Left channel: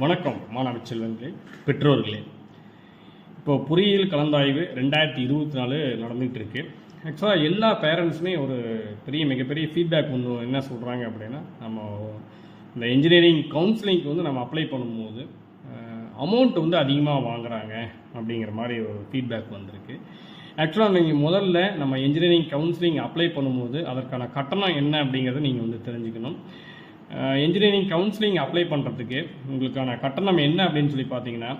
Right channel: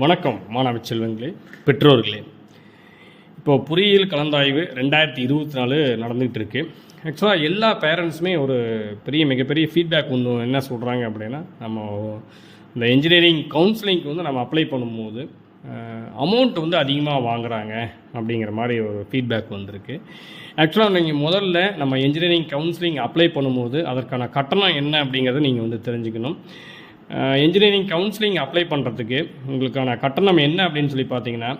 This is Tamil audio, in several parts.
வணக்கம் மாணவ செல்வங்களே, பெற்றோர்களே. இப்போது பொறியியல் கலந்தாய்வு 2024 நடந்துகிட்டு இருக்கு. ஆக்சுவலாக எல்லா பேரண்ட்ஸுமே ஒரு மிகப்பெரிய ஃபீட்பேக் ஒன்று என்ன சொல்கிறாங்க அப்படின்னா, நம்ம இந்த இன்ஜினியரிங் கவுன்சிலிங்க்கு வந்து நம்ம அப்ளை பண்ணும்போது அமௌண்ட் வந்து அதிகமாக வாங்குகிறாங்க அப்படிங்கிற மாதிரி ஒரு ஃபீட்பேக் வந்திருக்கு. ஆக்சுவலாக நீங்கள் முதல்ல நம்ம இன்ஜினியரிங் கவுன்சிலிங் அப்ளை பண்ணும்போது அதற்கான கட்டணம் என்ன அப்படிங்கிறத நீங்கள் வந்து தெரிஞ்சுக்கணும். இன்ஜினியரிங் கவுன்சிலிங் அப்ளை பண்ணுறதுக்கு உங்களுக்கான கட்டணம் என்ன அப்படின்னு சொல்லி பார்த்தீங்கன்னா,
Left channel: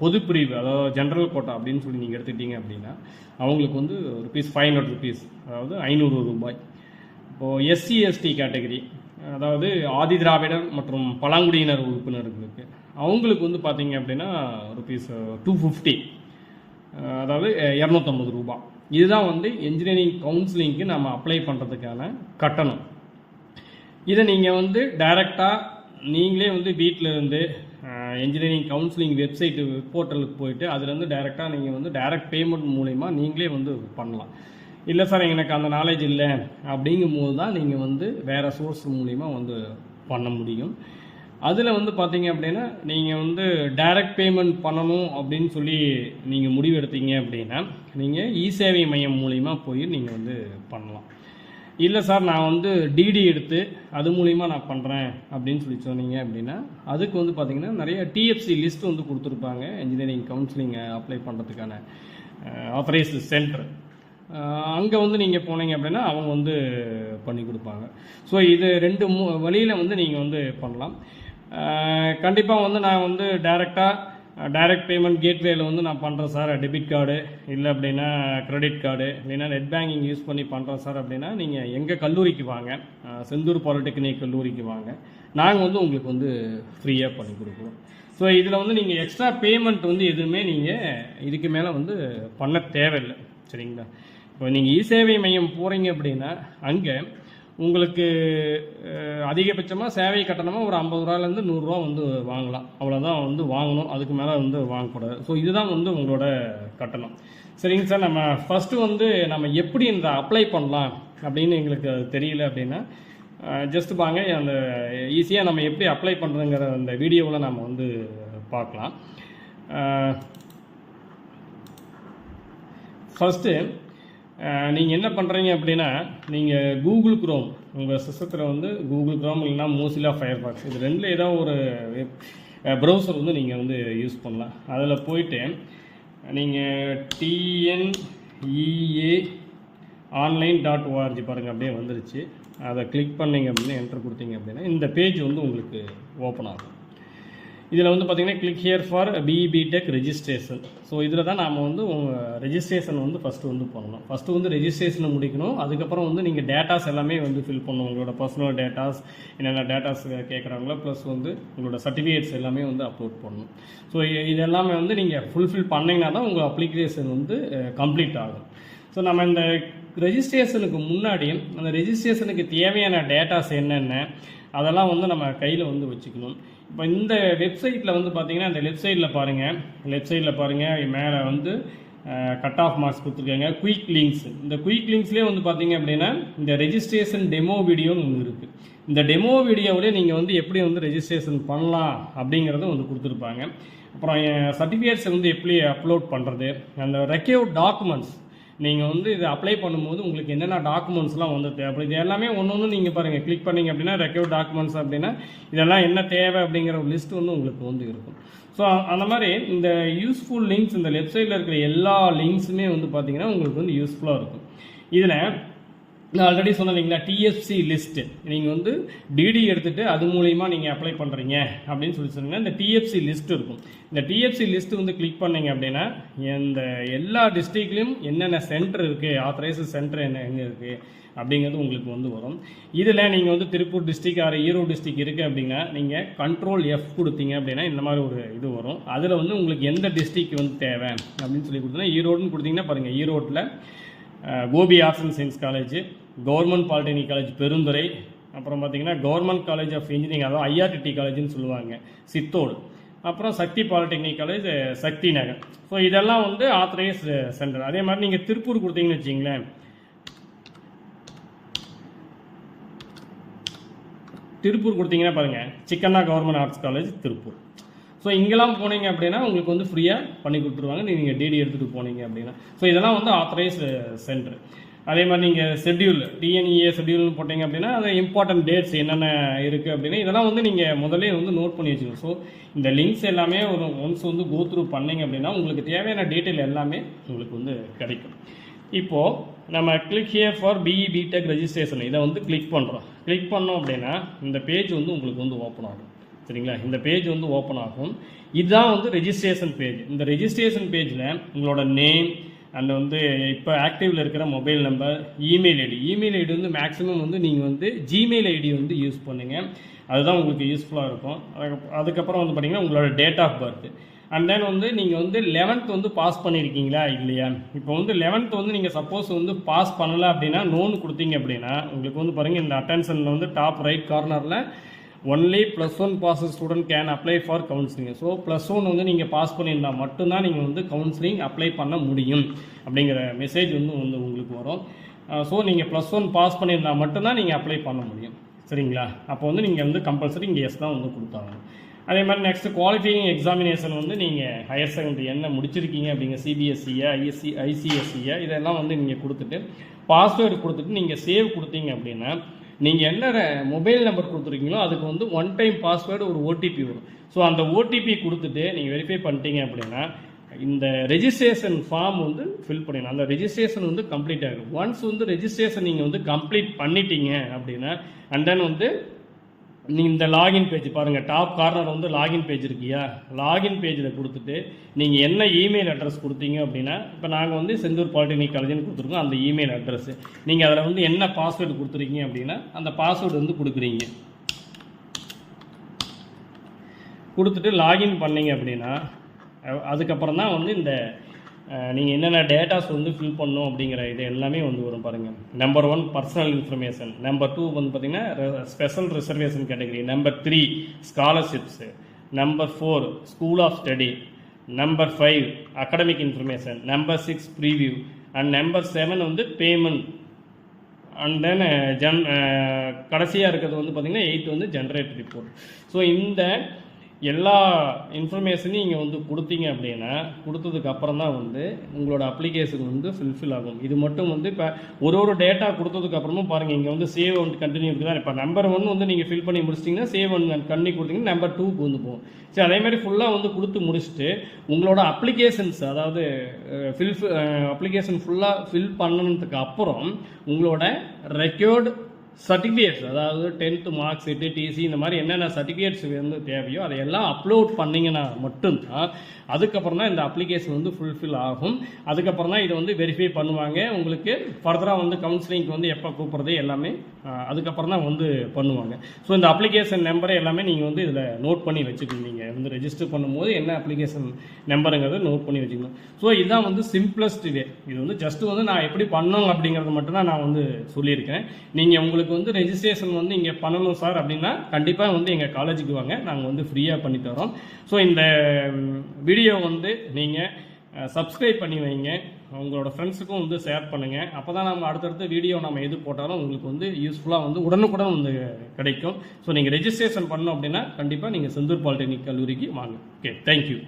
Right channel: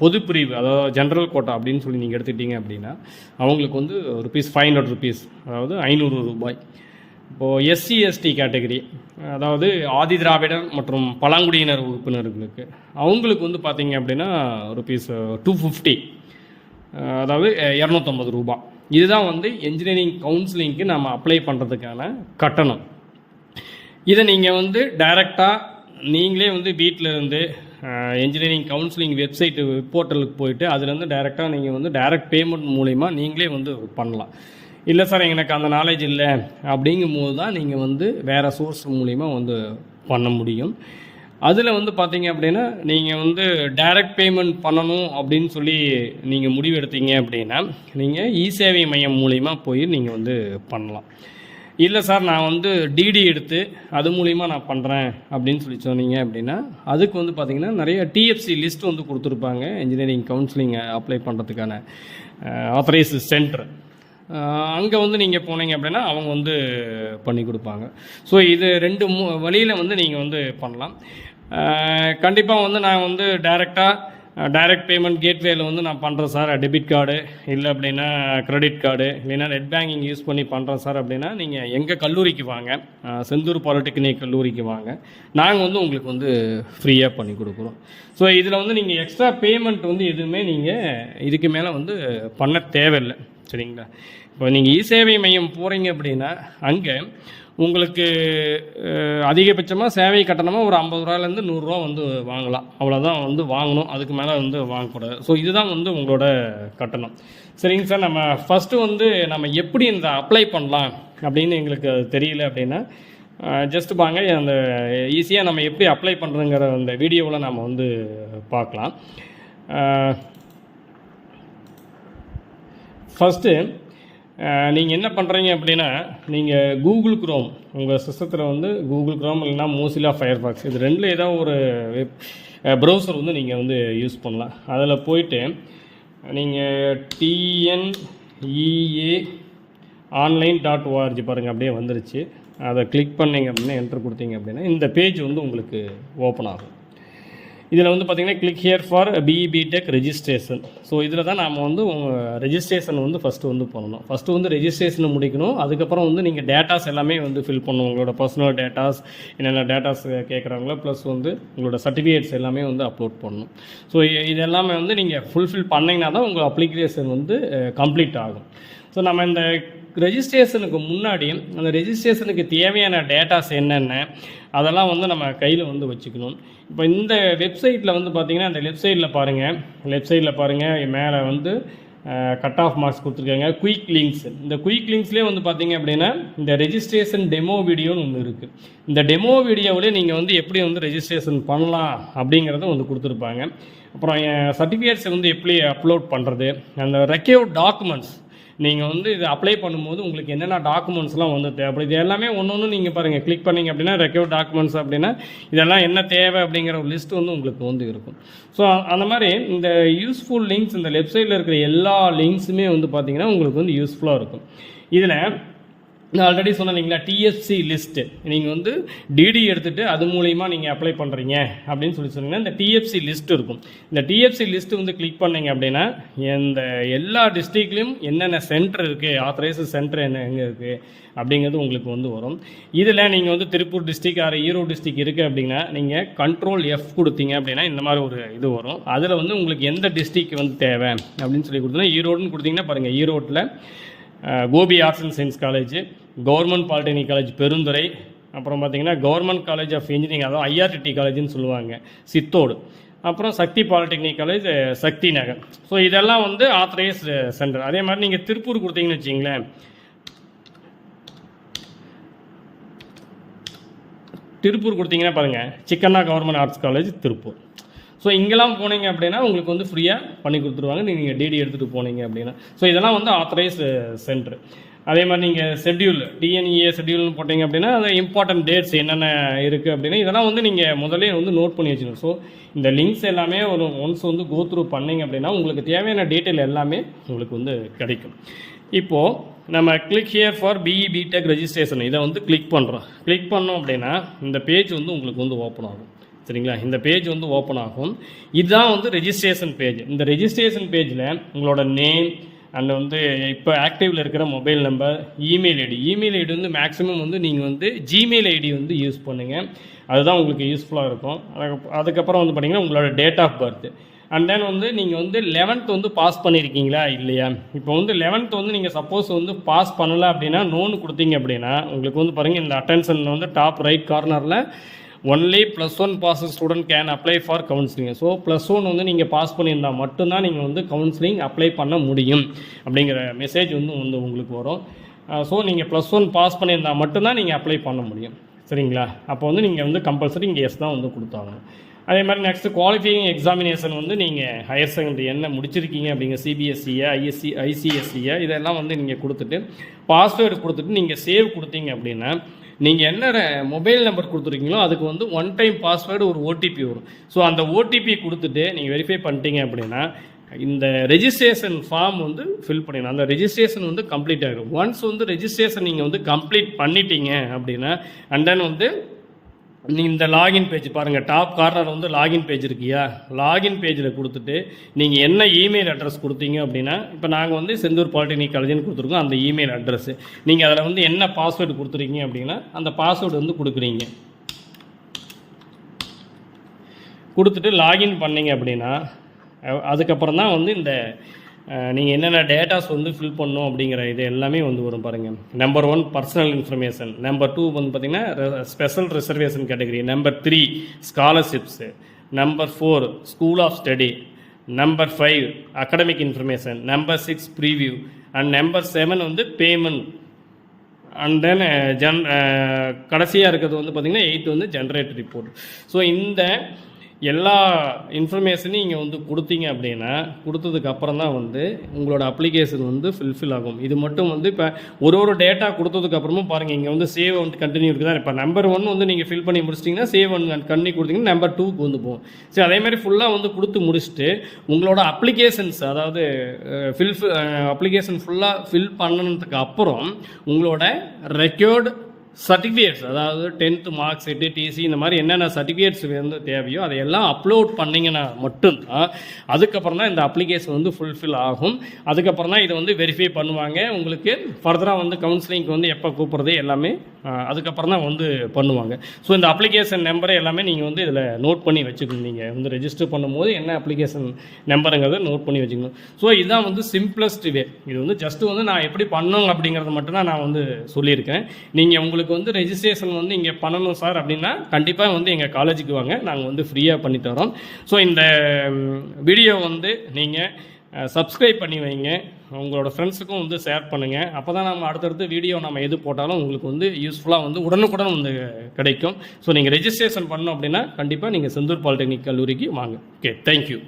பொதுப்பிரிவு, அதாவது ஜென்ரல் கோட்டா அப்படின்னு சொல்லி நீங்கள் எடுத்துக்கிட்டீங்க அப்படின்னா அவங்களுக்கு வந்து ₹500, அதாவது ₹500. இப்போது எஸ்சி எஸ்டி கேட்டகரி, அதாவது ஆதி திராவிடர் மற்றும் பழங்குடியினர் உறுப்பினர்களுக்கு அவங்களுக்கு வந்து பார்த்தீங்க அப்படின்னா ₹250, அதாவது ₹250. இதுதான் வந்து இன்ஜினியரிங் கவுன்சிலிங்க்கு நம்ம அப்ளை பண்ணுறதுக்கான கட்டணம். இதை நீங்கள் வந்து டைரெக்டாக நீங்களே வந்து வீட்டில் இருந்து இன்ஜினியரிங் கவுன்சிலிங் வெப்சைட்டு போர்ட்டலுக்கு போயிட்டு அதுலேருந்து டைரெக்டாக நீங்கள் வந்து டைரக்ட் பேமெண்ட் மூலிமா நீங்களே வந்து பண்ணலாம். இல்லை சார் எனக்கு அந்த நாலேஜ் இல்லை அப்படிங்கும்போது தான் நீங்கள் வந்து வேறு சோர்ஸ் மூலிமா வந்து பண்ண முடியும். அதில் வந்து பார்த்தீங்க அப்படின்னா நீங்கள் வந்து டைரக்ட் பேமெண்ட் பண்ணணும் அப்படின்னு சொல்லி நீங்கள் முடிவெடுத்தீங்க அப்படின்னா நீங்கள் இ-சேவை மையம் மூலிமா போய் நீங்கள் வந்து பண்ணலாம். இல்லை சார் நான் வந்து டிடி எடுத்து அது மூலிமா நான் பண்ணுறேன் அப்படின்னு சொல்லி சொன்னீங்க அப்படின்னா அதுக்கு வந்து பார்த்திங்கன்னா நிறைய டிஎஃப்சி லிஸ்ட் வந்து கொடுத்துருப்பாங்க. இன்ஜினியரிங் கவுன்சிலிங் அப்ளை பண்ணுறதுக்கான ஆத்தரைஸ்டு சென்டர், அங்கே வந்து நீங்கள் போனீங்க அப்படின்னா அவங்க வந்து பண்ணி கொடுப்பாங்க. ஸோ இது 2 வழியில் வந்து நீங்கள் வந்து பண்ணலாம். கண்டிப்பாக வந்து நான் வந்து டைரக்ட் பேமெண்ட் கேட்வேல வந்து நான் பண்ணுறேன் சார், டெபிட் கார்டு இல்லை அப்படின்னா கிரெடிட் கார்டு இல்லைன்னா நெட் பேங்கிங் யூஸ் பண்ணி பண்ணுறேன் சார் அப்படின்னா நீங்கள் எங்கள் கல்லூரிக்கு வாங்க, செந்தூர் பாலிடெக்னிக் கல்லூரிக்கு வாங்க, நாங்கள் வந்து உங்களுக்கு வந்து ஃப்ரீயாக பண்ணி கொடுக்குறோம். ஸோ இதில் வந்து நீங்கள் எக்ஸ்ட்ரா பேமெண்ட் வந்து எதுவுமே நீங்கள் இதுக்கு மேலே வந்து பண்ண தேவையில்லை, சரிங்களா? இப்போ நீங்கள் இ-சேவை மையம் போகிறீங்க அப்படின்னா அங்கே உங்களுக்கு அதிகபட்சமாக சேவை கட்டணமாக ஒரு ₹50 100 வந்து வாங்கலாம். அவ்வளோதான் வந்து வாங்கணும், அதுக்கு மேலே வந்து வாங்கக்கூடாது. ஸோ இதுதான் வந்து உங்களோட கட்டணம். சரிங்க சார், நம்ம ஃபஸ்ட்டு வந்து நம்ம எப்படி இந்த அப்ளை பண்ணலாம் அப்படின்னு எங்களுக்கு தெரியல அப்படின்னா ஜஸ்ட் வாங்க அந்த ஈஸியாக நம்ம எப்படி அப்ளை பண்ணுறதுங்கிற அந்த வீடியோவில் நம்ம வந்து பார்க்கலாம். ஃபஸ்ட்டு நீங்கள் என்ன பண்ணுறீங்க அப்படின்னா நீங்கள் கூகுள் குரோம், உங்கள் சிஸ்டத்தில் வந்து கூகுள் குரோம் இல்லைனா மோசிலா ஃபயர்பாக்ஸ், இது 2ல் ஏதாவது ஒரு ப்ரௌசர் வந்து நீங்கள் வந்து யூஸ் பண்ணலாம். அதில் போயிட்டு நீங்கள் TNEA online.org பாருங்கள், அப்படியே வந்துருச்சு. அதை கிளிக் பண்ணிங்க அப்படின்னா என்ட்ரு கொடுத்தீங்க அப்படின்னா இந்த பேஜ் வந்து உங்களுக்கு ஓப்பன் ஆகும். இதில் வந்து பார்த்திங்கன்னா click here for BTech registration. So இதில் தான் நாம் வந்து ரெஜிஸ்ட்ரேஷன் வந்து ஃபஸ்ட்டு வந்து பண்ணணும். ஃபஸ்ட்டு வந்து ரெஜிஸ்ட்ரேஷனை முடிக்கணும். அதுக்கப்புறம் வந்து நீங்கள் டேட்டாஸ் எல்லாமே வந்து ஃபில் பண்ணணும். உங்களோட பர்சனல் டேட்டாஸ், என்னென்ன டேட்டாஸ் கேட்குறாங்களோ, ப்ளஸ் வந்து உங்களோட சர்டிஃபிகேட்ஸ் எல்லாமே வந்து அப்லோட் பண்ணணும். ஸோ இது எல்லாமே வந்து நீங்கள் ஃபுல்ஃபில் பண்ணிங்கன்னா தான் உங்கள் அப்ளிகேஷன் வந்து கம்ப்ளீட் ஆகும். ஸோ நம்ம இந்த ரெஜிஸ்ட்ரேஷனுக்கு முன்னாடி அந்த ரெஜிஸ்ட்ரேஷனுக்கு தேவையான டேட்டாஸ் என்னென்ன அதெல்லாம் வந்து நம்ம கையில் வந்து வச்சுக்கணும். இப்போ இந்த வெப்சைட்டில் வந்து பார்த்திங்கன்னா அந்த லெஃப்ட் சைடில் பாருங்கள் மேலே வந்து கட் ஆஃப் மார்க்ஸ் கொடுத்துருக்காங்க, குயிக் லிங்க்ஸ். இந்த குயிக் லிங்க்ஸ்லேயே வந்து பார்த்திங்க அப்படின்னா இந்த ரெஜிஸ்ட்ரேஷன் டெமோ வீடியோன்னு ஒன்று இருக்குது. இந்த டெமோ வீடியோவிலே நீங்கள் வந்து எப்படி வந்து ரெஜிஸ்ட்ரேஷன் பண்ணலாம் அப்படிங்கிறத வந்து கொடுத்துருப்பாங்க. அப்புறம் சர்டிஃபிகேட்ஸை வந்து எப்படி அப்லோட் பண்ணுறது, அந்த ரெக்யூர்ட் டாக்குமெண்ட்ஸ், நீங்கள் வந்து இதை அப்ளை பண்ணும்போது உங்களுக்கு என்னென்ன டாக்குமெண்ட்ஸ்லாம் வந்து தேவைப்படுது, இது எல்லாமே ஒன்று நீங்கள் பாருங்கள். கிளிக் பண்ணிங்க அப்படின்னா ரெக்யூர்ட் டாக்குமெண்ட்ஸ் அப்படின்னா இதெல்லாம் என்ன தேவை அப்படிங்கிற ஒரு லிஸ்ட் வந்து உங்களுக்கு வந்து இருக்கும். ஸோ அந்த மாதிரி இந்த யூஸ்ஃபுல் லிங்க்ஸ், இந்த வெப்சைட்டில் இருக்கிற எல்லா லிங்க்ஸுமே வந்து பார்த்திங்கன்னா உங்களுக்கு வந்து யூஸ்ஃபுல்லாக இருக்கும். இதில் நான் ஆல்ரெடி சொன்னேன் இல்லைங்களா, டிஎஃப்சி லிஸ்ட்டு, நீங்கள் வந்து டிடி எடுத்துகிட்டு அது மூலிமா நீங்கள் அப்ளை பண்ணுறீங்க அப்படின்னு சொல்லி சொன்னீங்கன்னா இந்த டிஎஃப்சி லிஸ்ட் இருக்கும். இந்த டிஎஃப்சி லிஸ்ட்டு வந்து கிளிக் பண்ணிங்க அப்படின்னா இந்த எல்லா டிஸ்ட்ரிக்ட்லேயும் என்னென்ன சென்டர் இருக்குது, ஆத்தரைஸ்டு சென்டர் எங்கே இருக்குது அப்படிங்கிறது உங்களுக்கு வந்து வரும். இதில் நீங்கள் வந்து திருப்பூர் டிஸ்ட்ரிக் ஈரோடு டிஸ்ட்ரிக் இருக்குது அப்படின்னா நீங்கள் Ctrl+F கொடுத்தீங்க அப்படின்னா இந்த மாதிரி ஒரு இது வரும். அதில் வந்து உங்களுக்கு எந்த டிஸ்ட்ரிக் வந்து தேவை அப்படின்னு சொல்லி கொடுத்தீங்கன்னா ஈரோடுன்னு கொடுத்தீங்கன்னா பாருங்கள், ஈரோட்டில் Gobi arts and science college, government polytechnic college Perundurai, அப்புறம் பார்த்திங்கன்னா கவர்மெண்ட் காலேஜ் ஆஃப் இன்ஜினியரிங், அதாவது ஐஆர்டிடி காலேஜ்னு சொல்லுவாங்க, சித்தோடு, அப்புறம் Sakthi polytechnic college Sakthi Nagar. So இதெல்லாம் வந்து ஆத்தரைஸ்டு சென்டர். அதே மாதிரி நீங்கள் திருப்பூர் கொடுத்தீங்கன்னு வச்சிங்களேன், திருப்பூர் கொடுத்தீங்கன்னா பாருங்கள், Chikkanna government arts college Tiruppur. So இங்கெல்லாம் போனீங்க அப்படின்னா உங்களுக்கு வந்து ஃப்ரீயாக பண்ணி கொடுத்துருவாங்க நீங்கள் டிடி எடுத்துகிட்டு போனீங்க அப்படின்னா. ஸோ இதெல்லாம் வந்து ஆத்தரைஸ்டு சென்டர். அதே மாதிரி நீங்கள் ஷெட்யூல் டிஎன்இஏ ஷெட்யூல்னு போட்டிங்க அப்படின்னா அது இம்பார்ட்டன்ட் டேட்ஸ் என்னென்ன இருக்குது அப்படின்னா இதெல்லாம் வந்து நீங்கள் முதல்ல வந்து நோட் பண்ணி வச்சுக்கணும். ஸோ இந்த லிங்க்ஸ் எல்லாமே ஒரு ஒன்ஸ் வந்து கோ த்ரூ பண்ணிங்க அப்படின்னா உங்களுக்கு தேவையான டீட்டெயில் எல்லாமே உங்களுக்கு வந்து கிடைக்கும். இப்போது நம்ம click here for BE BTech registration இதை வந்து கிளிக் பண்ணுறோம். கிளிக் பண்ணோம் அப்படின்னா இந்த பேஜ் வந்து உங்களுக்கு வந்து ஓப்பன் ஆகும். சரிங்களா, இந்த பேஜ் வந்து ஓப்பன் ஆகும். இதுதான் வந்து ரெஜிஸ்ட்ரேஷன் பேஜ். இந்த ரெஜிஸ்ட்ரேஷன் பேஜில் உங்களோட நேம் அண்ட் வந்து இப்போ ஆக்டிவில் இருக்கிற மொபைல் நம்பர், இமெயில் ஐடி வந்து மேக்ஸிமம் வந்து நீங்கள் வந்து ஜிமெயில் ஐடி வந்து யூஸ் பண்ணுங்கள். அதுதான் உங்களுக்கு யூஸ்ஃபுல்லாக இருக்கும். அதுக்கப்புறம் வந்து பார்த்திங்கன்னா உங்களோட date of birth and then வந்து நீங்கள் வந்து 11th வந்து பாஸ் பண்ணியிருக்கீங்களா இல்லையா. இப்போ வந்து 11th வந்து நீங்கள் சப்போஸ் வந்து பாஸ் பண்ணலை அப்படின்னா நோன்னு கொடுத்தீங்க அப்படின்னா உங்களுக்கு வந்து பாருங்கள் இந்த அட்டென்ஷனில் வந்து டாப் ரைட் கார்னரில் only +1 pass student can apply for counselling. So +1 வந்து நீங்கள் பாஸ் பண்ணியிருந்தால் மட்டும்தான் நீங்கள் வந்து கவுன்சிலிங் அப்ளை பண்ண முடியும் அப்படிங்கிற மெசேஜ் வந்து உங்களுக்கு வரும். ஸோ நீங்கள் +1 பாஸ் பண்ணியிருந்தால் மட்டும்தான் நீங்கள் அப்ளை பண்ண முடியும். சரிங்களா, அப்போ வந்து நீங்கள் வந்து கம்பல்சரி இங்கே எஸ் தான் வந்து கொடுத்தாங்க. அதே மாதிரி நெக்ஸ்ட்டு குவாலிஃபையிங் எக்ஸாமினேஷன் வந்து நீங்கள் ஹையர் செகண்டரி என்ன முடிச்சிருக்கீங்க அப்படிங்கிற சிபிஎஸ்சியா ஐசிஎஸ்சியா இதெல்லாம் வந்து நீங்கள் கொடுத்துட்டு பாஸ்வேர்டு கொடுத்துட்டு நீங்கள் சேவ் கொடுத்தீங்க அப்படின்னா நீங்கள் என்ன மொபைல் நம்பர் கொடுத்துருக்கீங்களோ அதுக்கு வந்து 1 டைம் பாஸ்வேர்டு ஒரு ஓடிபி வரும். ஸோ அந்த ஓடிபி கொடுத்துட்டு நீங்கள் வெரிஃபை பண்ணிட்டீங்க அப்படின்னா இந்த ரெஜிஸ்ட்ரேஷன் ஃபார்ம் வந்து ஃபில் பண்ணிடணும். அந்த ரெஜிஸ்ட்ரேஷன் வந்து கம்ப்ளீட் ஆகிடும். ஒன்ஸ் வந்து ரெஜிஸ்ட்ரேஷன் நீங்கள் வந்து கம்ப்ளீட் பண்ணிட்டீங்க அப்படின்னா அண்ட் தென் வந்து நீங்கள் இந்த லாகின் பேஜ் பாருங்கள், டாப் கார்னர் வந்து லாகின் பேஜ் இருக்கியா, லாகின் பேஜில் கொடுத்துட்டு நீங்கள் என்ன இமெயில் அட்ரஸ் கொடுத்தீங்க அப்படின்னா இப்போ நாங்கள் வந்து செந்தூர் பாலிடெக்னிக் காலேஜ்னு கொடுத்துருக்கோம். அந்த இமெயில் அட்ரஸ் நீங்கள் அதில் வந்து என்ன பாஸ்வேர்டு கொடுத்துருக்கீங்க அப்படின்னா அந்த பாஸ்வேர்டு வந்து கொடுக்குறீங்க. கொடுத்துட்டு லாகின் பண்ணிங்க அப்படின்னா அதுக்கப்புறம் தான் வந்து இந்த நீங்கள் என்னென்ன டேட்டாஸ் வந்து ஃபில் பண்ணணும் அப்படிங்கிற இது எல்லாமே வந்து வரும் பாருங்கள். நம்பர் 1 பர்சனல் இன்ஃபர்மேஷன், நம்பர் 2 வந்து பார்த்திங்கன்னா special reservation category, number 3 scholarships, number 4 school of study, number 5 academic information, number 6 preview and number 7 வந்து பேமெண்ட் அண்ட் தென் கடைசியாக இருக்கிறது வந்து பார்த்திங்கன்னா 8 வந்து ஜென்ரேட் ரிப்போர்ட். ஸோ இந்த எல்லா இன்ஃபர்மேஷனையும் இங்கே வந்து கொடுத்தீங்க அப்படின்னா கொடுத்ததுக்கு அப்புறம் தான் வந்து உங்களோட அப்ளிகேஷன் வந்து ஃபில்ஃபில் ஆகும். இது மட்டும் வந்து இப்போ ஒரு டேட்டா கொடுத்ததுக்கு அப்புறமும் பாருங்கள் இங்கே வந்து சேவ் வந்து கண்டினியூ இருக்குதா. இப்போ நம்பர் 1 வந்து நீங்கள் ஃபில் பண்ணி முடிச்சிட்டிங்கன்னா சேவ் ஒன் கண்டினியூ கொடுத்தீங்கன்னா நம்பர் 2க்கு வந்து போகும். சரி, அதேமாதிரி ஃபுல்லாக வந்து கொடுத்து முடிச்சுட்டு உங்களோட அப்ளிகேஷன்ஸ் அதாவது அப்ளிகேஷன் ஃபுல்லாக ஃபில் பண்ணதுக்கு அப்புறம் உங்களோட ரெக்கார்டு சர்டிஃபிகேட்ஸ் அதாவது 10th மார்க் ஷீட்டு, டிசி இந்த மாதிரி என்னென்ன சர்டிஃபிகேட்ஸ் வந்து தேவையோ அதையெல்லாம் அப்லோட் பண்ணிங்கன்னா மட்டும்தான் அதுக்கப்புறம் தான் இந்த அப்ளிகேஷன் வந்து ஃபுல்ஃபில் ஆகும். அதுக்கப்புறம் தான் இதை வந்து வெரிஃபை பண்ணுவாங்க. உங்களுக்கு ஃபர்தராக வந்து கவுன்சிலிங்க்கு வந்து எப்போ கூப்பிட்றது எல்லாமே அதுக்கப்புறம் தான் வந்து பண்ணுவாங்க. ஸோ இந்த அப்ளிகேஷன் நம்பரை எல்லாமே நீங்கள் வந்து இதில் நோட் பண்ணி வச்சுக்கணும். நீங்கள் வந்து ரெஜிஸ்டர் பண்ணும்போது என்ன அப்ளிகேஷன் நம்பருங்கிறத நோட் பண்ணி வச்சுக்கணும். ஸோ இதுதான் வந்து சிம்பிளஸ்ட் வே. இது வந்து ஜஸ்ட்டு வந்து நான் எப்படி பண்ணணும் அப்படிங்கிறது மட்டும்தான் நான் வந்து சொல்லியிருக்கேன். நீங்கள் உங்களுக்கு வந்து ரெஜிஸ்ட்ரேஷன் வந்து இங்கே பண்ணணும் சார் அப்படின்னா கண்டிப்பாக வந்து எங்கள் காலேஜுக்கு வாங்க, நாங்கள் வந்து ஃப்ரீயாக பண்ணி தரோம். ஸோ இந்த வீடியோ வந்து நீங்கள் சப்ஸ்கிரைப் பண்ணி வைங்க, உங்களோட ஃப்ரெண்ட்ஸுக்கும் வந்து ஷேர் பண்ணுங்கள். அப்போ தான் நம்ம அடுத்தடுத்து வீடியோ நம்ம எது போட்டாலும் உங்களுக்கு வந்து யூஸ்ஃபுல்லாக வந்து உடனுக்குடன் வந்து கிடைக்கும். ஸோ நீங்கள் ரெஜிஸ்ட்ரேஷன் பண்ணணும் அப்படின்னா கண்டிப்பாக நீங்கள் செந்தூர் பாலிடெக்னிக் கல்லூரிக்கு வாங்க. Okay, thank you.